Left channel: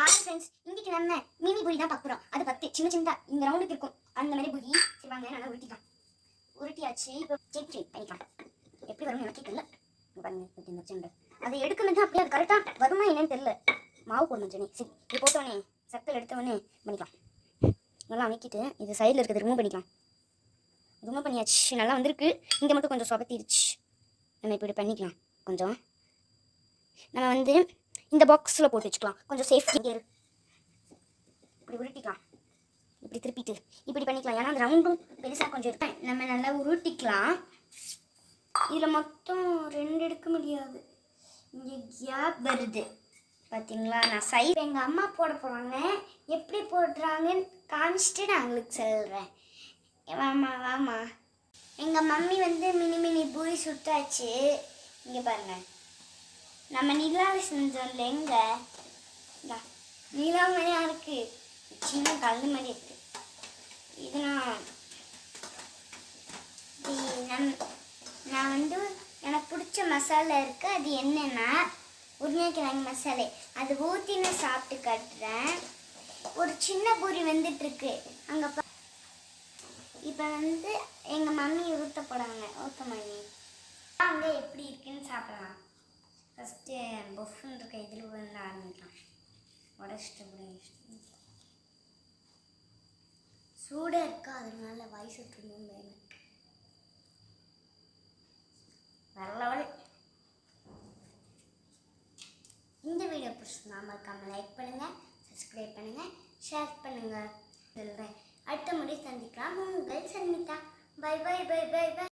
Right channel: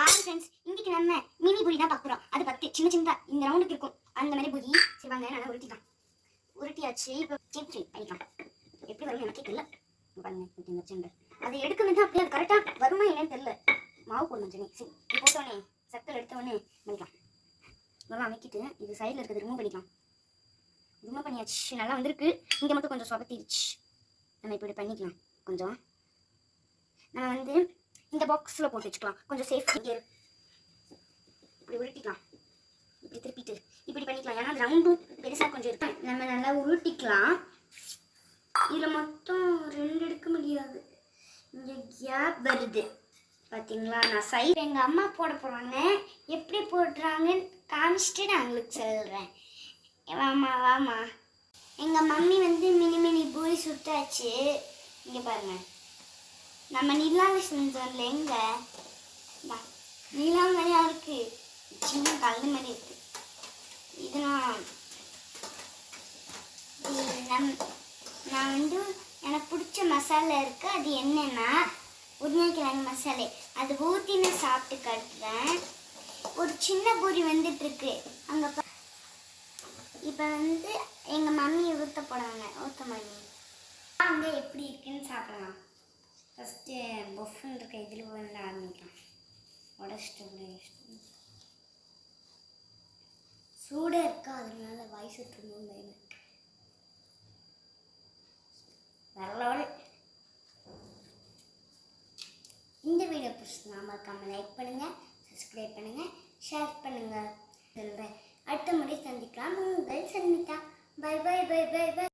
Hi friends, இன்னைக்கு நம்ம mini puri தான் பார்க்குறோம். அது 10 சின்ன சின்னதா இந்த ரவுண்டுக்கு இருக்கும் அந்த மாதிரி பூரி. சரி வாங்க, நல்லா உருட்டிக்கலாம். உருட்டியாச்சு. இப்போ செக் பண்ணிக்கலாம். எப்படி வரும்னு எனக்கு தெரியல. பாருங்க, இந்த சின்ன அதை எடுக்கணும். அப்படியே அது கரெக்டாக வருமா என்னன்னு தெரியல. மாவு போடணும் ஜெனி. சரி, இது போட்டோடனே சக்கரை எடுத்தோடனே பண்ணிக்கலாம். நல்லா அமைக்கிட்டு இது சைடில் இருக்கிறது ரிமூவ் பண்ணிக்கலாம். ரிமூவ் பண்ணியாச்சு. நல்லா வந்திருக்கு. இங்கே மட்டும் கொஞ்சம் சொபத்திடுச்சு. நம்ம இப்படி பண்ணிக்கலாம். கொஞ்சம் நம்ம வந்து இந்த பாக்ஸில் போட்டு வச்சுக்கலாம். கொஞ்சம் சேஃப்டி. இப்படி உருட்டிக்கலாம். இப்படி திருப்பிட்டு இப்படி பண்ணிக்கலாம். ஏன்னா அந்த ரவுண்டும் பெருசாக கொஞ்சம் இருக்கு. நம்ம நல்லா உருட்டிக்கலாம். இதில் மொத்தம் 2 எடுக்க முடியாது. இங்கே கேப் வருது பார்த்தீங்களா? நான் சைடு எங்கள் அம்மா போட போகிறாங்க. எப்படி போடுறாங்கன்னு காமிச்சிட்டு நான் உங்களுக்கு சொல்கிறேன். வாமா வாமா. எங்கள் மம்மி வந்து மினி பூரி சுட்டாச்சு. இங்கே பாருங்கள், நம்ம நிலாவில் செஞ்சோம்ல, எங்க நிலாமையாக இருக்குது. சின்ன கலந்து மாதிரி இருக்குது. இதெல்லாம் நான் வந்து எனக்கு பிடிச்ச மசாலா இருக்குது. அது என்னென்னா உருளைக்கிழங்கு மசாலை. அது ஊற்றி நான் சாப்பிட்டு காட்டுறேன். ஒரு சின்ன பூரி வந்துட்டுருக்கு அங்கே. இப்போ வந்து எங்கள் மம்மி ஊற்ற போடாங்க. ஊற்ற மம்மி அங்கே எப்படி இருக்குன்னு சாப்பிடலாம். ஃபஸ்ட்டு பஃப்னு இருக்க இதில் வந்து ஆரம்பிக்கலாம். உடச்சிட்டு சூடாக இருக்கா, அதனால வாய் சுட்டுணும் எனக்கு. வரல. இந்த வீடியோ பிடிச்சிருந்தா மறக்காம லைக் பண்ணுங்கள், சப்ஸ்கிரைப் பண்ணுங்கள், ஷேர் பண்ணுங்கள். சொல்கிறேன். அடுத்த முறை சந்திக்கலாம். உங்கள் சந்தித்தா. Bye bye bye bye by.